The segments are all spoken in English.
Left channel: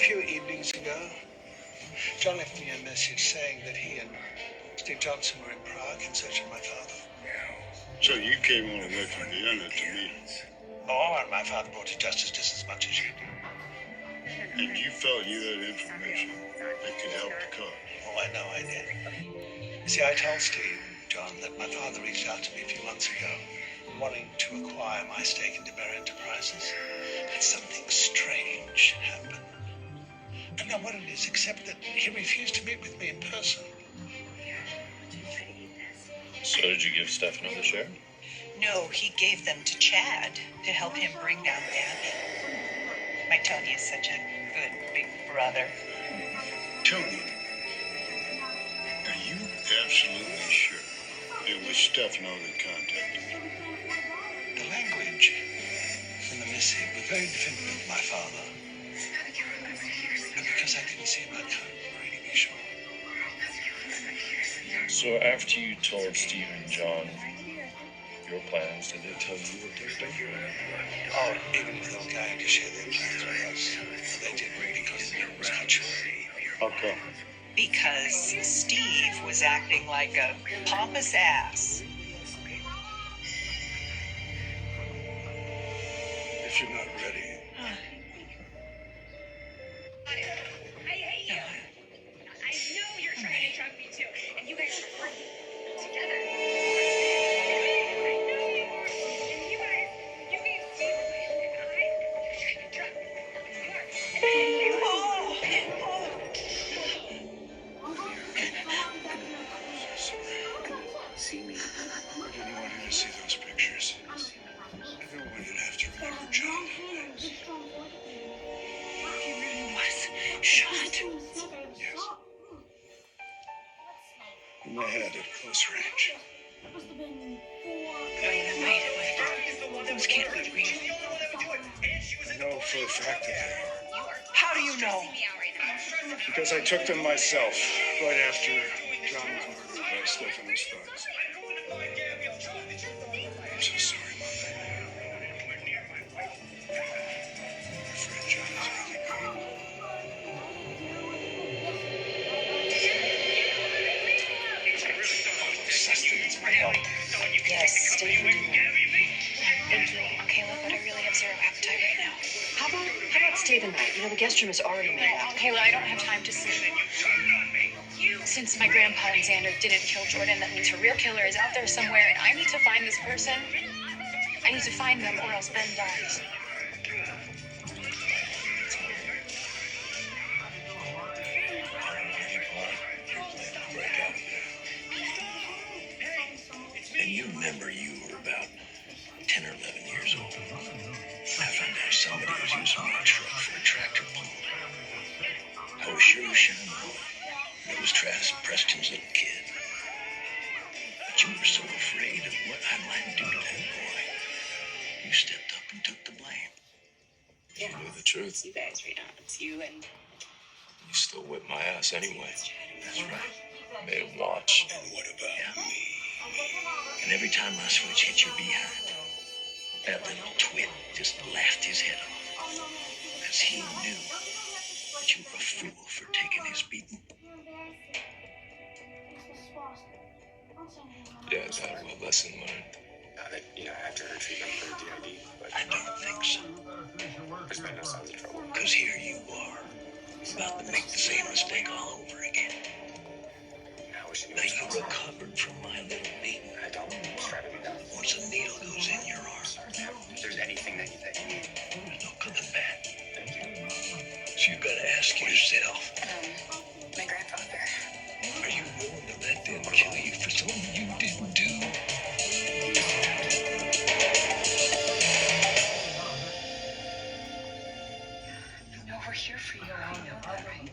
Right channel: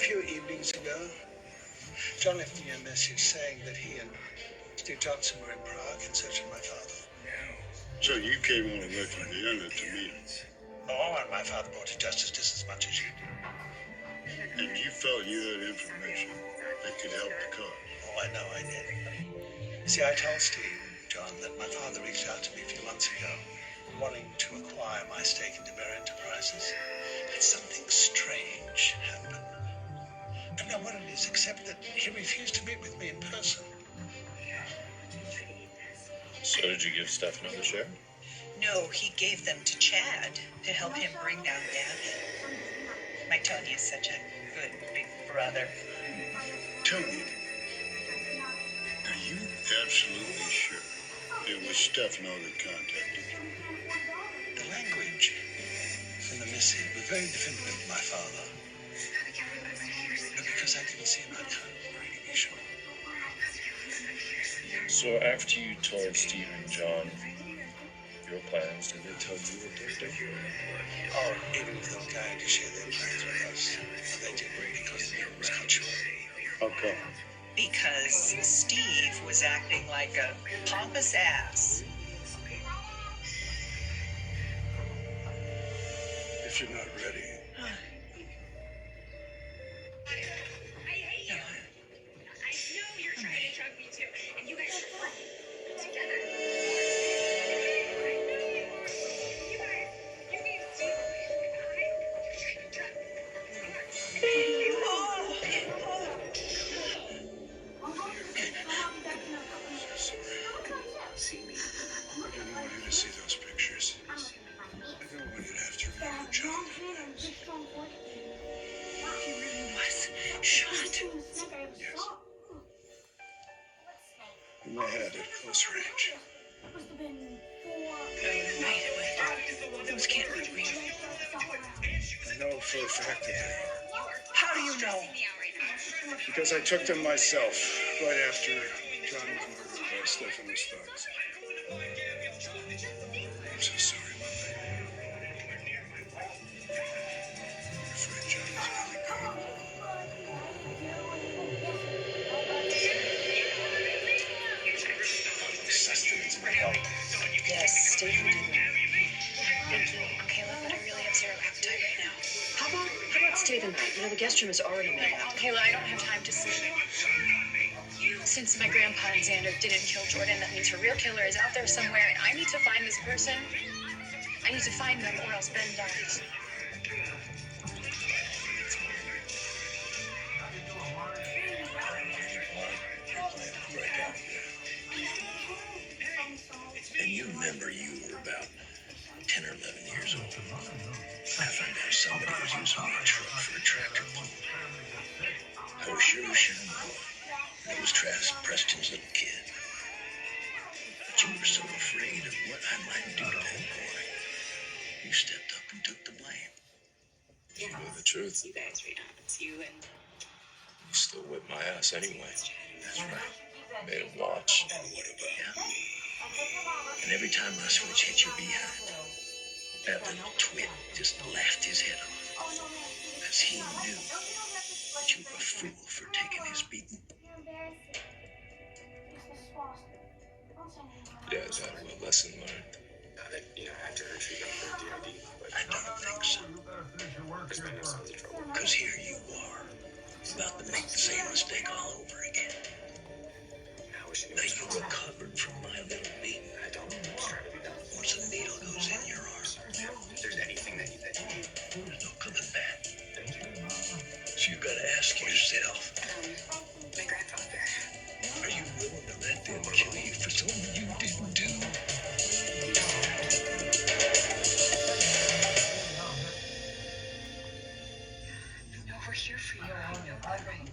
few evenings ago, John left me a message saying that he and Steve Johnson were in Prague in search of my father. So you came all the way from Vienna to meet him? Oh, and my father brought it just as much as you do. And you felt you had information that could help the cause? Oh, I know I did. See, I told Steve, John, that my father reached out to me a few months ago, wanting to acquire my stake in DeBerry Enterprises. But something strange happened. I don't know what it is, except that he refused to meet with me in person. So did you give Stefano the share? No, he gave them to Chad to help him bring down the Abbey. My Tony is such a good big brother. Tony, are you absolutely sure it was Stefano that contacted you? The language in the missive was very definitive of my father. But because I didn't see him, I couldn't really be sure. So after you told Steve and John your plans, did they tell you what they're doing? Oh, even if they were going to share their plans with us, they didn't because the deal was cut short. How come? Because Steve was acting like a pompous ass. If you're not ready, No, I'm ready. I didn't want you to see those pictures. I don't want you to have to remember John that way. He really was shot. Yes. In my head at close range. No, wait. Those can't be real. I know for a fact that they are. How do you know? Because I took them myself right after John was murdered by Stefano's thugs. I'm so sorry, Mom. I'm afraid John is really gone. Sustenance my health. Yes, stay for dinner. Thank you, Kayla, but I really have zero appetite right now. How about stay the night? You know, the guest room is already made up. Kayla, I don't have time to sleep. Since my grandpa and Xander didn't kill Jordan, that means her real killer is out there somewhere, and I need to find this person. I need to find them, or else Ben dies. Break out of there. And you remember you were about 10 or 11 years old. I found out somebody was using my truck for a tractor pull. I was sure shining that it was Travis Preston's little kid. But you were so afraid of what I might do to that boy. You stepped up and took the blame. You knew the truth. You guys read on. It's you and You still whipped my ass anyway. That's right. Made him watch. Yeah. And every time my switch hit your behind, that little twit just laughed his head off. Because he knew that you were a fool for taking his beating. Yeah, Dad, well, lesson learned. I don't think so. Because here you are, about to make the same mistake all over again. Now you recovered from my little beating. Once a needle goes in your arm, there's no coming back. So you gotta ask yourself, my grandfather. are you willing to let them kill you for something you didn't do? No, we're here for you. I know that, right?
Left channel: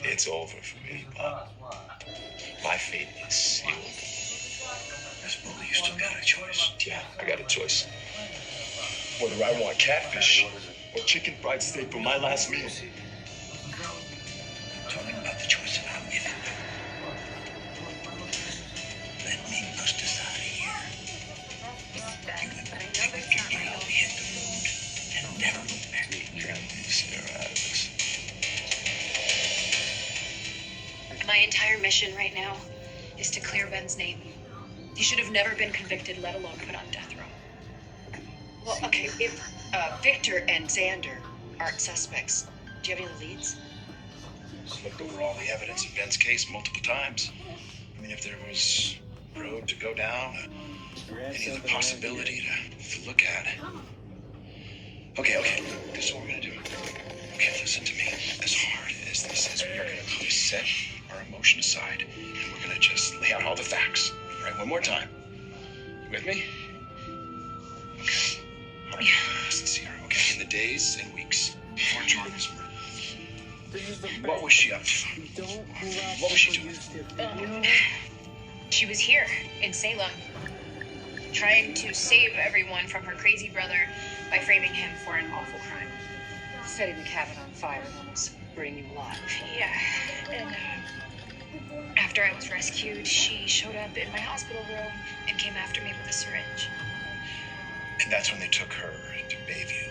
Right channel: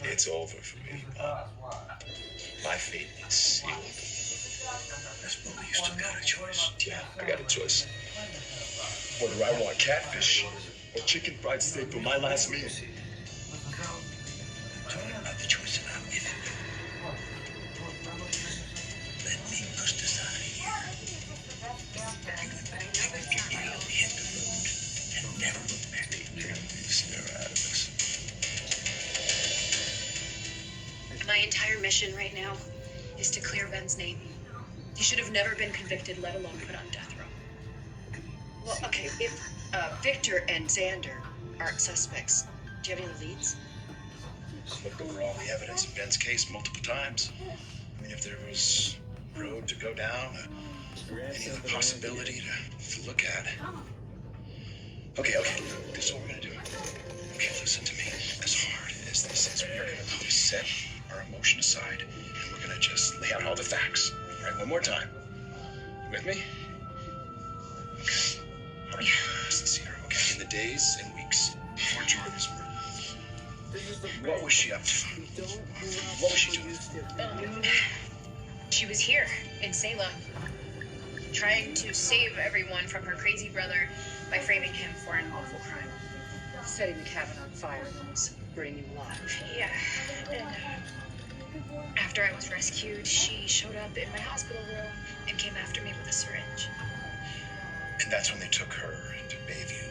It's over for me, Pop. My fate is sealed. I suppose you still got a choice. Yeah, I got a choice. Whether I want catfish or chicken fried steak for my last meal. Talking about the choice that I'm giving you. Let me bust us out of here. You and the detective can get out, hit the road, and never look back. You're gonna be My entire mission right now is to clear Ben's name. He should have never been convicted, let alone put on death row. Well, okay, if Victor and Xander aren't suspects, do you have any other leads? I've looked over all the evidence in Ben's case multiple times. I mean, if there was a road to go down, any other possibility to look at. Okay, look, this is what we're gonna do. Okay, listen to me. As hard as this is, we are gonna just set our emotion aside, and we're gonna just lay out all the facts. All right, one more time. You with me? Okay. All right, listen, Sierra. Okay, in the days and weeks before Jordan's murder, what was she up to? What was she doing? She was here in Salem, trying to save everyone from her crazy brother by framing him for an awful crime. Setting the cabin on fire and almost burning you alive. Yeah, and after I was rescued, she showed up in my hospital room and came after me with a syringe. And that's when they took her to Bayview.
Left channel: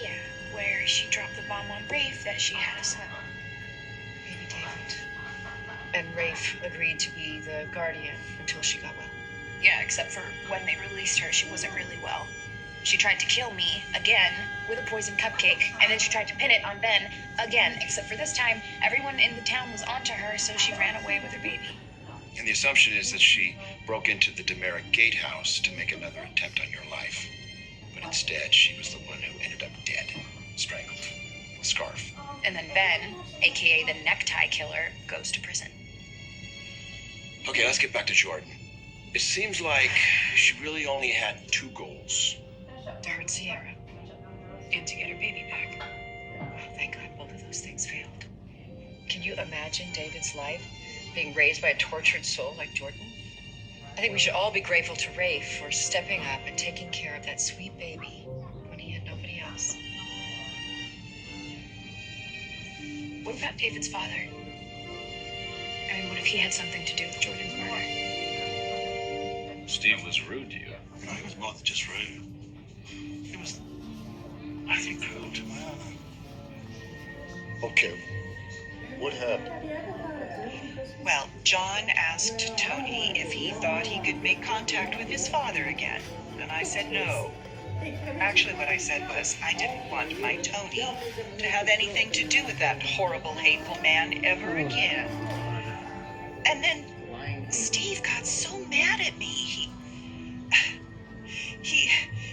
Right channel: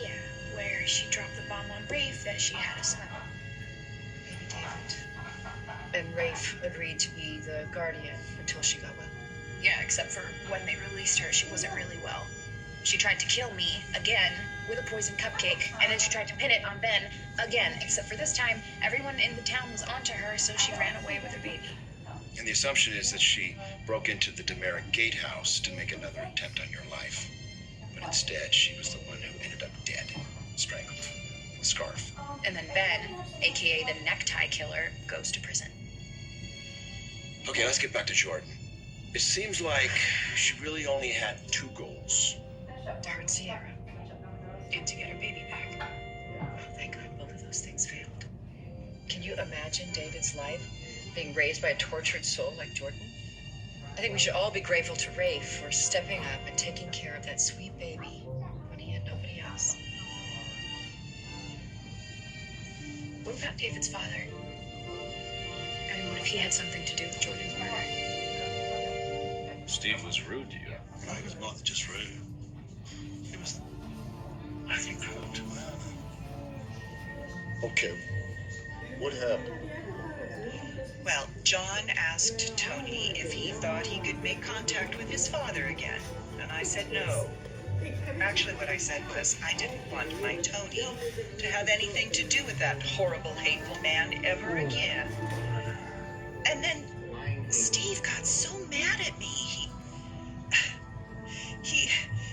Yeah, where she dropped the bomb on Rafe that she had a son. Baby David. And Rafe agreed to be the guardian until she got well. Yeah, except for when they released her, she wasn't really well. She tried to kill me again with a poison cupcake, and then she tried to pin it on Ben again, except for this time, everyone in the town was onto her, so she ran away with her baby. And the assumption is that she broke into the Demeric Gatehouse to make another attempt on your life. But instead, she was the one who ended up dead, strangled, with a scarf. And then Ben, aka the necktie killer, goes to prison. Okay, let's get back to Jordan. It seems like she really only had two goals. To hurt Sierra. And to get her baby back. Well, thank God both of those things failed. Can you imagine David's life being raised by a tortured soul like Jordan? I think we should all be grateful to Rafe for stepping up and taking care of that sweet baby when he had nobody else. What about David's father? I mean, what if he had something to do with Jordan's murder? Steve was rude to you. No, he was more than just rude. He was, I think, cruel to my honor. Okay, what happened? Well, John asked Tony if he thought he could make contact with his father again, and I said no. Actually, what I said was I didn't want my Tony to have anything to do with that horrible, hateful man ever again. And then Steve got so mad at me.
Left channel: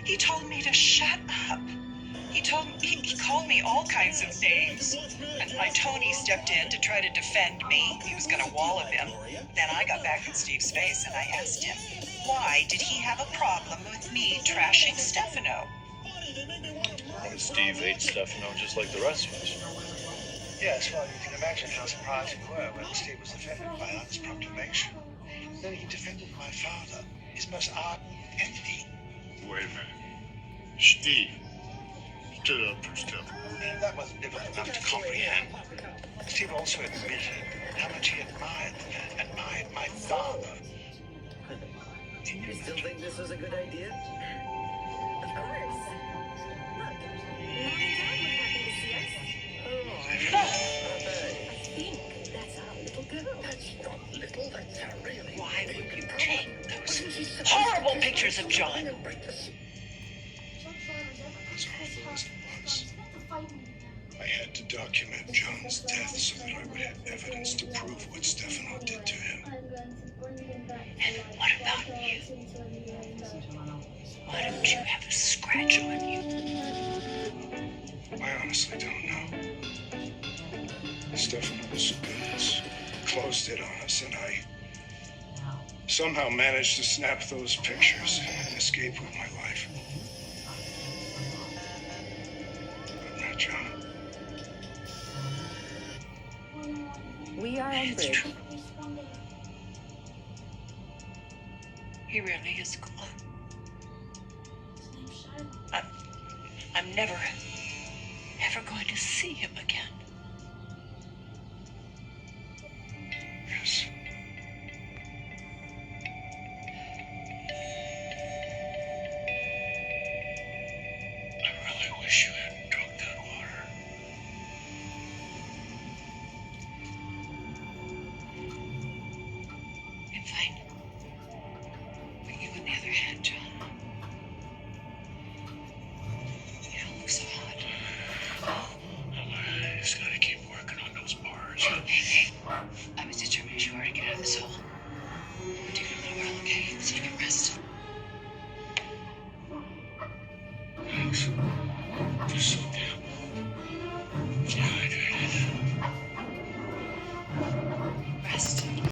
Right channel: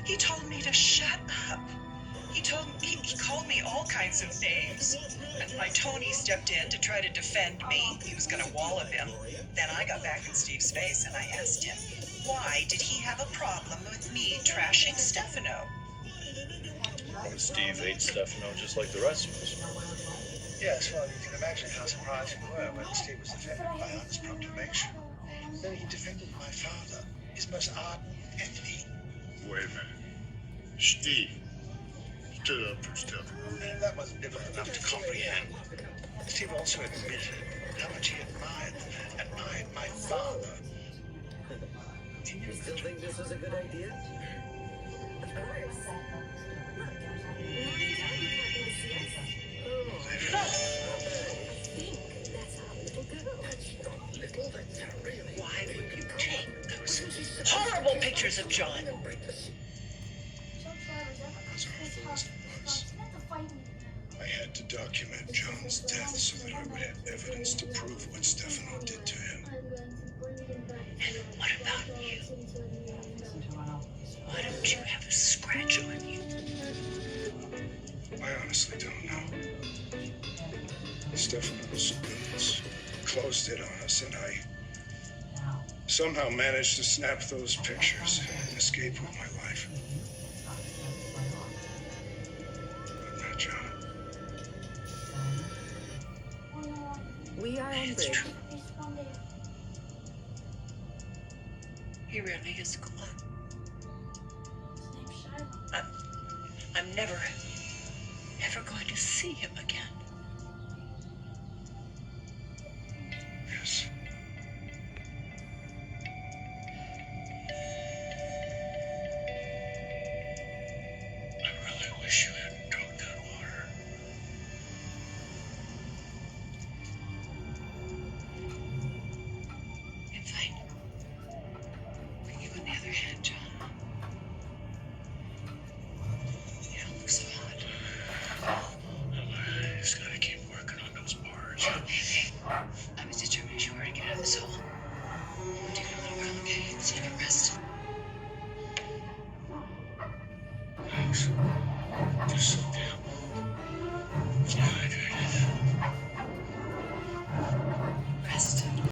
He told me to shut up. He called me all kinds of names. And my Tony stepped in to try to defend me. He was going to wallop him. Then I got back in Steve's face and I asked him, why did he have a problem with me trashing Stefano? Well, Steve hates Stefano just like the rest of us. Yes, well, you can imagine how surprised we were when Steve was offended by Anna's proclamation. Though he defended my father, his most ardent enemy. Wait a minute. Steve stood up for Stefano. That wasn't difficult enough to comprehend. Steve also admitted how much he admired the man, admired my father. Can you imagine? Why would you take those horrible pictures of John? As awful as it was, I had to document John's death so that I would have evidence to prove what Stefano did to him. And what about you? Why don't you have a scratch on you? I honestly don't know. Stefano's goons closed it on us, and I somehow managed to snap those pictures and escape with my life. But not John. We are It's true. He really is gone. I'm never going to see him again. Yes. I really wish you hadn't drunk that water. Hey, I was determined as you are to get out of this hole. We'll take it a little while, okay? So you can rest. Thanks. You're so damn